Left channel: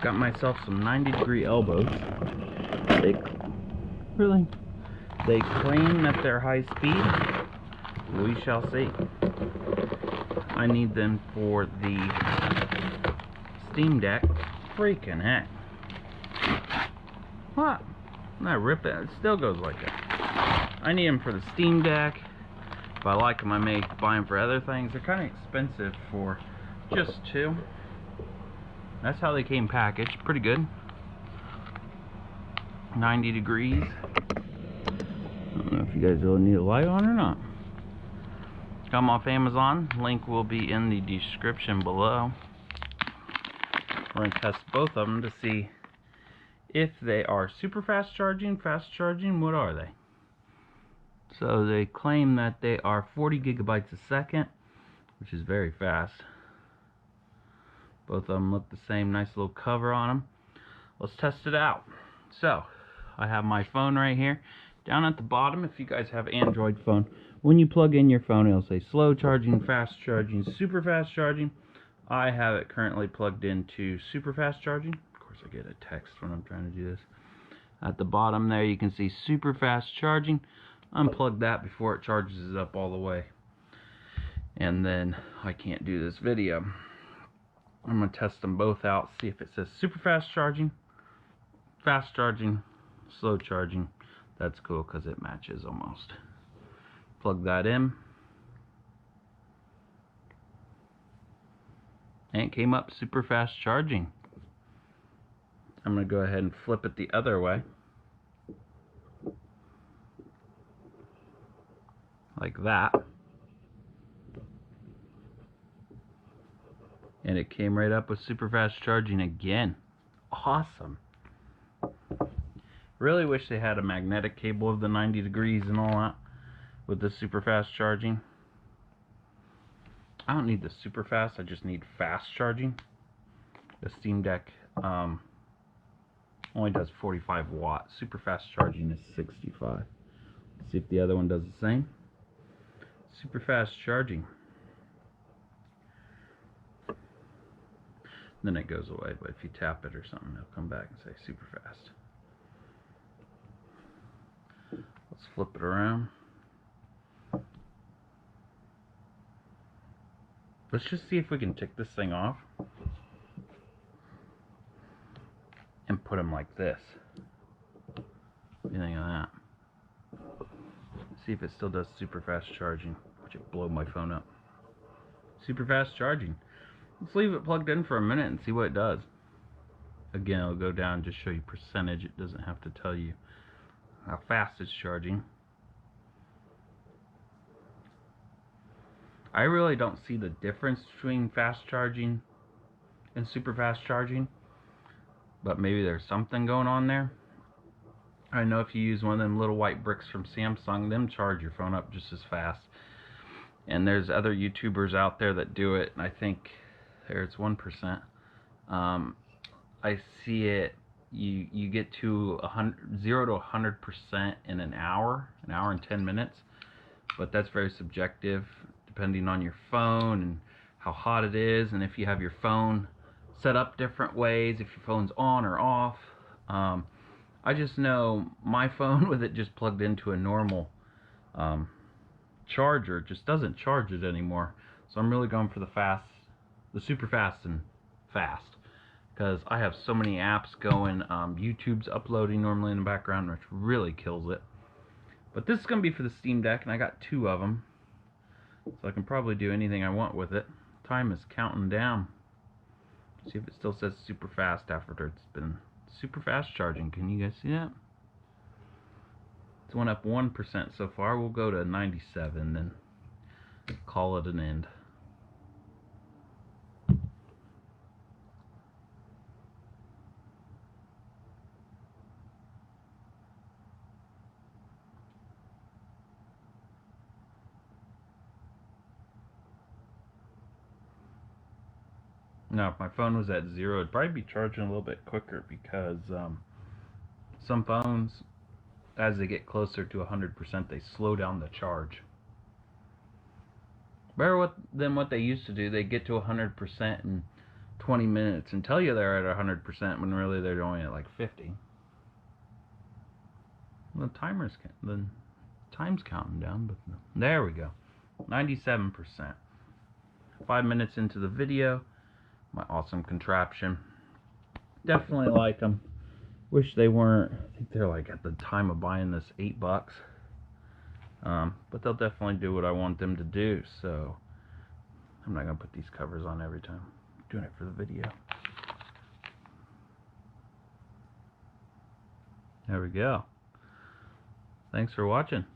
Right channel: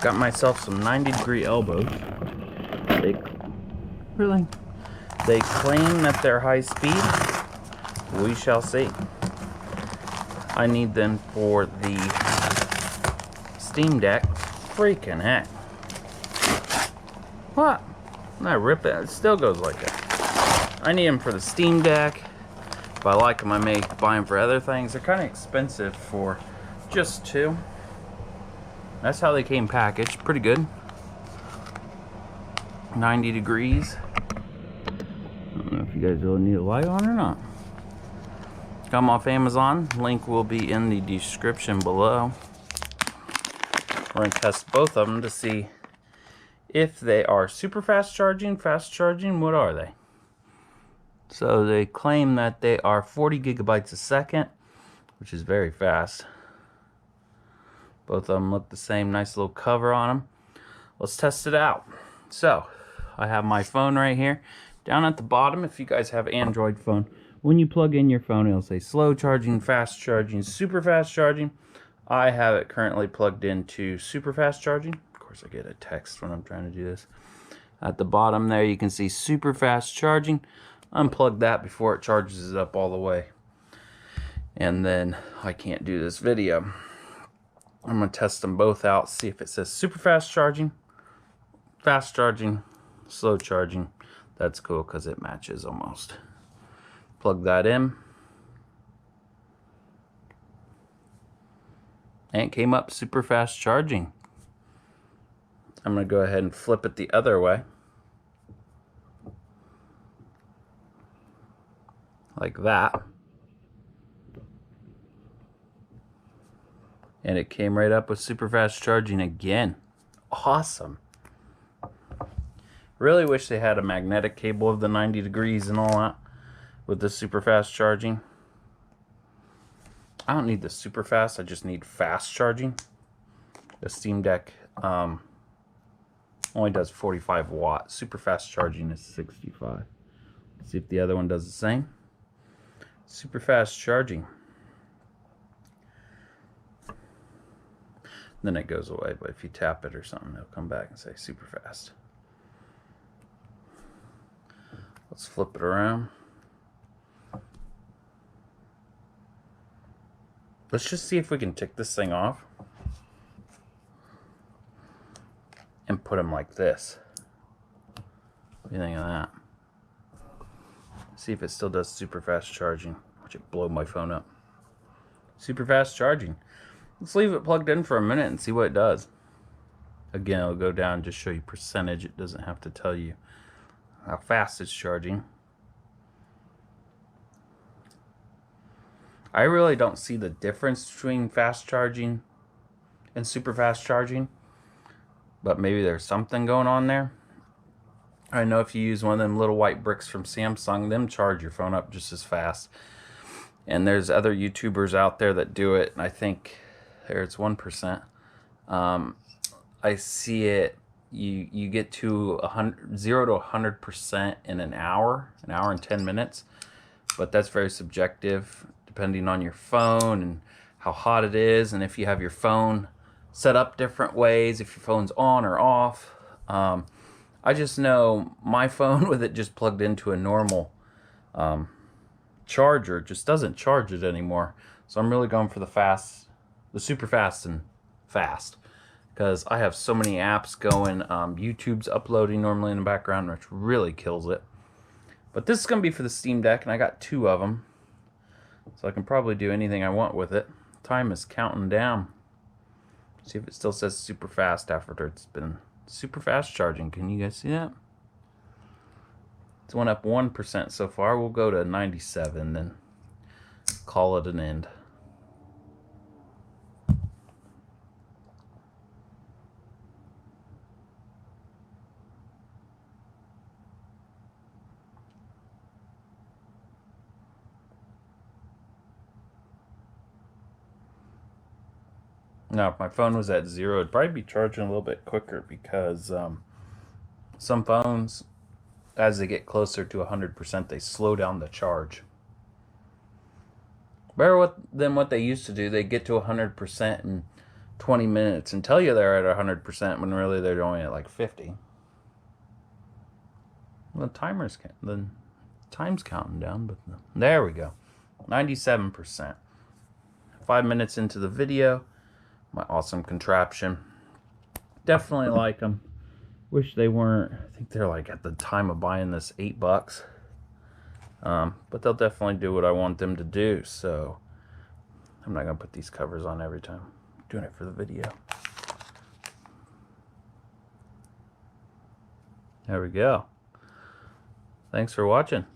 Got myself some 90-degree elbows. Really? They claim that they're high speed. We shall see. I need them for the Steam Deck. Freaking heck. What? I rip it. It still goes like that. I need them for the Steam Deck. If I like them, I may buy them for other things. They're kind of expensive for just two. That's how they came packaged. Pretty good. 90 degrees. I don't know if you guys really need a light on or not. Got them off Amazon. Link will be in the description below. We're going to test both of them to see if they are super fast charging, what are they? So they claim that they are 40 gigabytes a second, which is very fast. Both of them look the same, nice little cover on them. Let's test it out. So I have my phone right here. Down at the bottom, if you guys have Android phone, when you plug in your phone, it'll say slow charging, fast charging, super fast charging. I have it currently plugged into super fast charging. Of course, I get a text when I'm trying to do this. At the bottom there, you can see super fast charging. Unplug that before it charges it up all the way. And then I can't do this video. I'm going to test them both out, see if it says super fast charging, slow charging. That's cool because it matches almost. Plug that in. And it came up super fast charging. I'm going to go ahead and flip it the other way. Like that. And it came right up with super fast charging again. Awesome. Really wish they had a magnetic cable of the 90 degrees and all that with the super fast charging. I don't need the super fast, I just need fast charging. The Steam Deck only does 45 watts. Super fast charging is 65. Let's see if the other one does the same. Super fast charging. Then it goes away, but if you tap it or something, it'll come back and say super fast. Let's flip it around. Let's just see if we can take this thing off and put them like this. What do you think of that? See if it still does super fast charging. Watch it blow my phone up. Super fast charging. Let's leave it plugged in for a minute and see what it does. Again, it'll go down and just show you percentage. It doesn't have to tell you how fast it's charging. I really don't see the difference between fast charging and super fast charging, but maybe there's something going on there. I know if you use one of them little white bricks from Samsung, them charge your phone up just as fast. And there's other YouTubers out there that do it, and I think there it's 1%. I see it. You get to 0 to 100% in an hour and 10 minutes, but that's very subjective depending on your phone and how hot it is, and if you have your phone set up different ways, if your phone's on or off. I just know my phone with it just plugged into a normal charger just doesn't charge it anymore. So I'm really going for the super fast and fast, because I have so many apps going. YouTube's uploading normally in the background, which really kills it. But this is going to be for the Steam Deck, and I got 2 of them. So I can probably do anything I want with it. Time is counting down. See if it still says super fast after it's been super fast charging. Can you guys see that? It's went up 1% so far. We'll go to 97, then call it an end. Now, if my phone was at 0, it'd probably be charging a little bit quicker, because some phones, as they get closer to 100%, they slow down the charge. Better than what they used to do. They get to 100% and 20 minutes and tell you they're at 100% when really they're only at like 50. The time's counting down, but there we go. 97%. 5 minutes into the video. My awesome contraption. Definitely like them. Wish they weren't. I think they're like at the time of buying this $8. But they'll definitely do what I want them to do. So I'm not gonna put these covers on every time. I'm doing it for the video. There we go. Thanks for watching.